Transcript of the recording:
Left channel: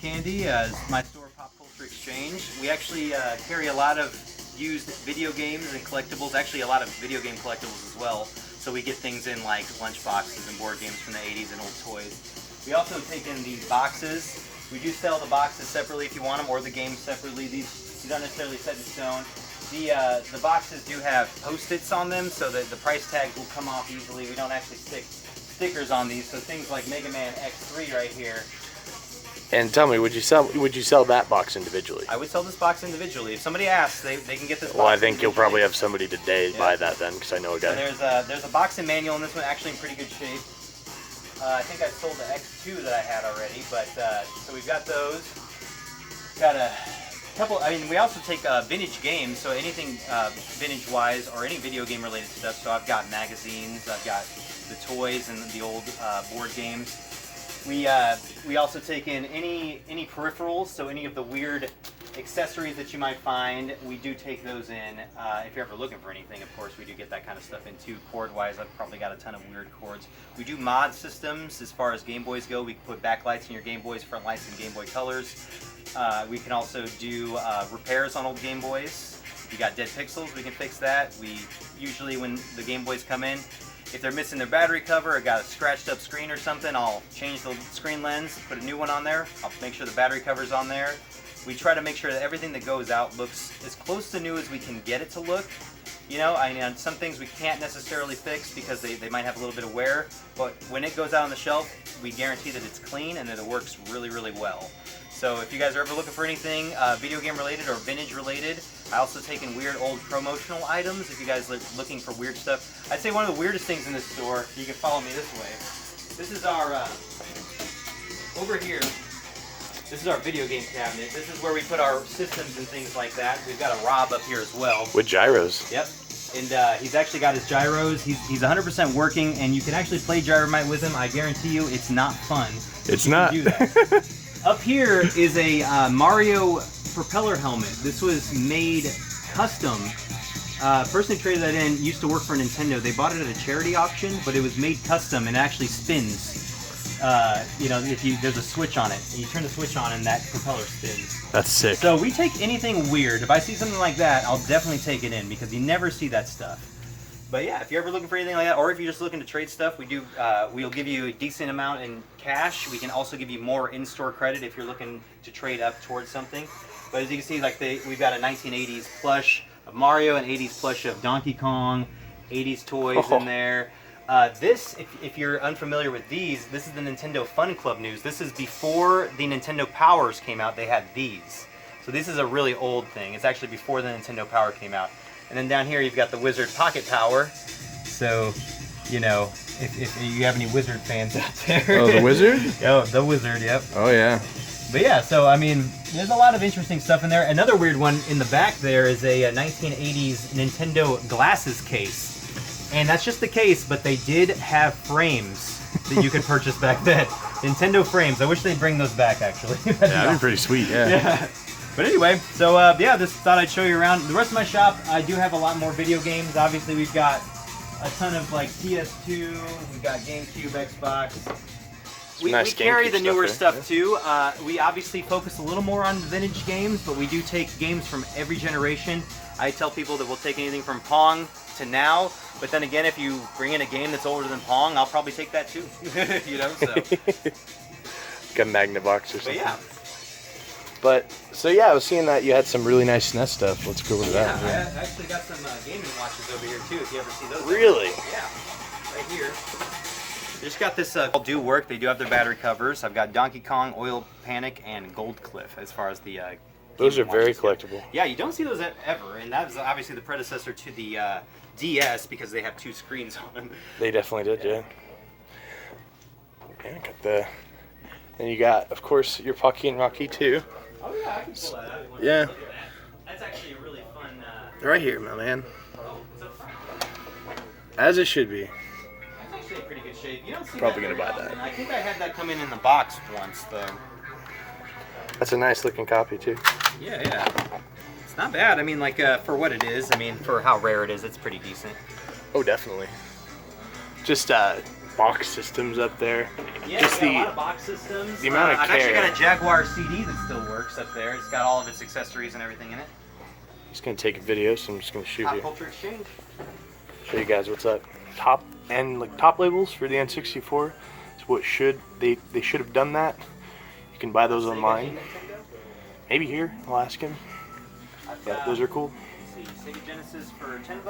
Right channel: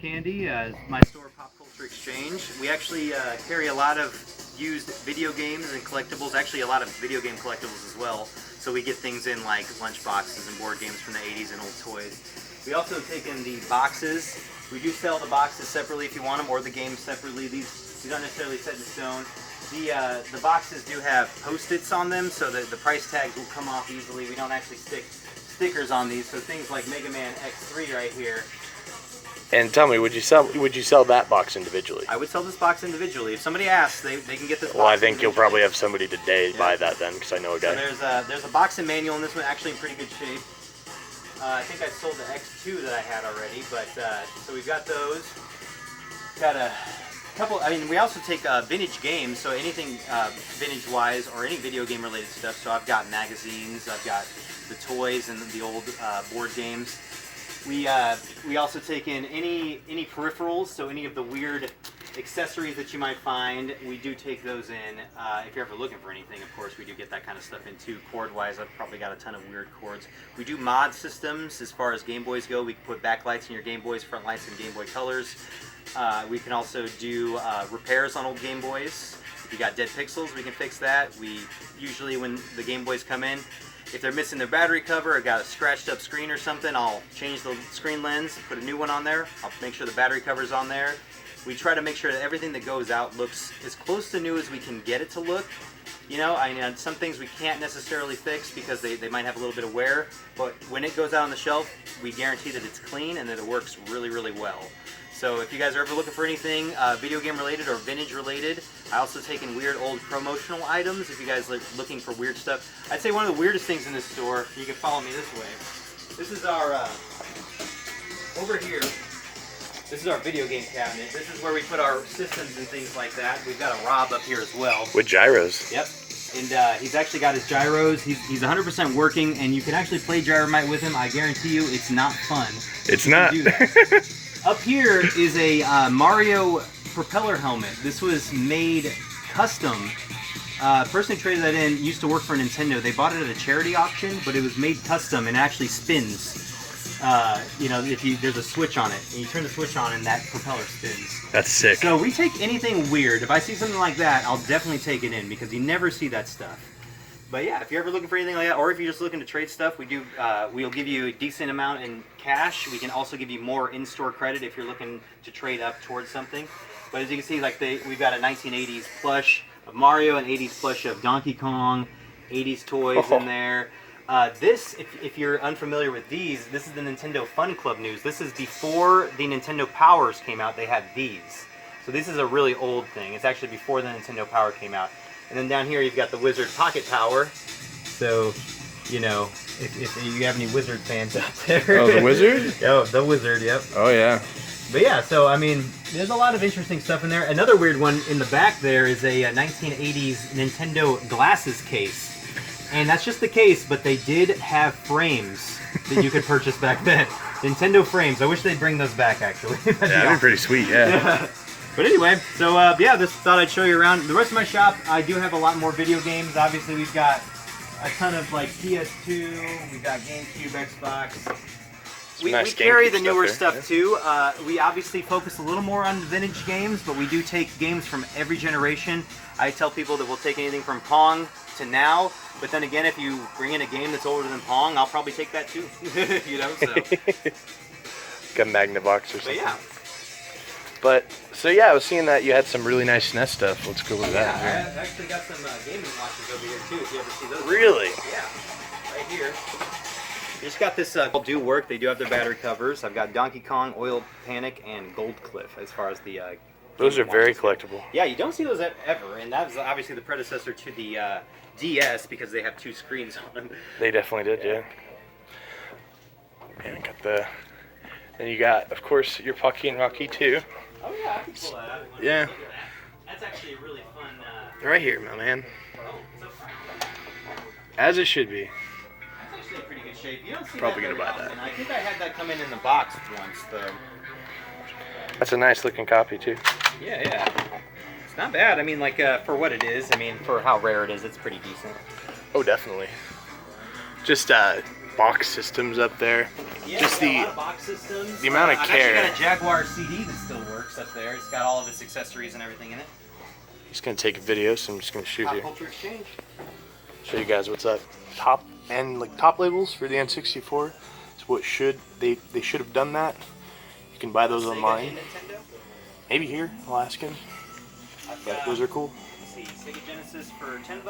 Candy. My store, Pop Culture Exchange. We actually carry a lot of used video games and collectibles. Actually, a lot of video game collectibles as well. So we get things in like lunch boxes and board games from the 80s and old toys. We also take in the boxes. We do sell the boxes separately if you want them, or the games separately. These aren't necessarily set in stone. The boxes do have Post-its on them, so that the price tag will come off easily. We don't actually stick stickers on these, so things like Mega Man X3 right here. And tell me, would you sell that box individually? I would sell this box individually. If somebody asks, they can get this box. Well, I think you'll probably have somebody today buy that then, because I know a guy. So there's a box and manual in this one, actually in pretty good shape. I think I sold the X2 that I had already, but so we've got those. Got a couple. I mean, we also take vintage games, so anything vintage-wise or any video game-related stuff. So I've got magazines, I've got the toys and the old board games. We also take in any peripherals, so any of the weird accessories that you might find, we do take those in. If you're ever looking for anything, of course, we do get that kind of stuff in too. Cord-wise, I've probably got a ton of weird cords. We do mod systems as far as Game Boys go. We can put backlights in your Game Boys, front lights in Game Boy Colors. We can also do repairs on old Game Boys. If you got dead pixels, we can fix that. We usually, when the Game Boys come in, if they're missing their battery cover or got a scratched up screen or something, I'll change the screen lens, put a new one on there. I'll make sure the battery cover's on there. We try to make sure that everything that goes out looks as close to new as we can get it to look. You know, I mean, some things we can't necessarily fix because they might have a little bit of wear, but when it goes out on the shelf, we guarantee that it's clean and that it works really, really well. So if you guys are ever looking for anything video game related or vintage related, I also take in weird old promotional items if you guys are looking for weird stuff. I'd say one of the weirdest things in this store, you can follow me this way, this is our, over here, this is our video game cabinet. This is where we put our systems and things like that. We've got a Rob up here as well. With gyros. Yep. And he's actually got his gyros. He's 100% working, and you can actually play Gyromite with him. I guarantee you it's not fun. It's not. Do that. Up here is a Mario propeller helmet. This was made custom. Person who traded that in used to work for Nintendo. They bought it at a charity auction, but it was made custom and actually spins. You know, there's a switch on it, and you turn the switch on, and that propeller spins. That's sick. So we take anything weird. If I see something like that, I'll definitely take it in because you never see that stuff. But yeah, if you're ever looking for anything like that, or if you're just looking to trade stuff, we'll give you a decent amount in cash. We can also give you more in-store credit if you're looking to trade up towards something. But as you can see, like we've got a 1980s plush of Mario, an 80s plush of Donkey Kong, 80s toys in there. This, if you're unfamiliar with these, this is the Nintendo Fun Club news. This is before the Nintendo Powers came out, they had these. So this is a really old thing. It's actually before the Nintendo Power came out. And then down here you've got the Wizard Pocket Power. So, you know, if you have any Wizard fans out there. Oh, the Wizard? Oh, the Wizard, yep. Oh, yeah. But yeah, so I mean, there's a lot of interesting stuff in there. Another weird one in the back there is a 1980s Nintendo glasses case. And that's just the case, but they did have frames that you could purchase back then. Nintendo frames. I wish they'd bring those back, actually. That'd be pretty sweet, yeah. But anyway, so yeah, just thought I'd show you around. The rest of my shop, I do have a lot more video games. Obviously, we've got a ton of like PS2, we've got GameCube, Xbox. We carry the newer stuff too. We obviously focus a little more on vintage games, but we do take games from every generation. I tell people that we'll take anything from Pong to now, but then again, if you bring in a game that's older than Pong, I'll probably take that too. You know, so. Got Magnavox or something. But yeah. But, so yeah, I was seeing that you had some really nice SNES stuff. Let's go with that. Yeah, I've actually got some gaming watches over here too, if you ever see those. Really? Yeah, right here. Just got this all do work. They do have their battery covers. I've got Donkey Kong, Oil Panic, and Gold Cliff as far as the those are very collectible. Yeah, you don't see those ever, and that was obviously the predecessor to the DS because they have two screens on them. They definitely did, yeah. Yeah, got the... Then you got, of course, your Pucky and Rocky too. Oh yeah, I can pull that out. Yeah. That's actually a really fun... Right here, my man. As it should be. That's actually in pretty good shape. You don't see Probably that gonna buy often. that. I think I had that come in the box once, though. That's a nice looking copy too. Yeah, yeah. It's not bad. I mean, like, for what it is, I mean, for how rare it is, it's pretty decent. Oh, definitely. Just, box systems up there. Yeah, Just we got a lot of box systems. the amount of I've care. actually got a Jaguar CD that still works up there. It's got all of its accessories and everything in it. He's gonna take a video, so I'm just gonna shoot Pop you. Culture Exchange. Show you guys what's up. Top labels for the N64. It's what they should have done that. You can buy those online. Maybe here, Alaskan. But those are cool. Let's see, Sega Genesis for $10 and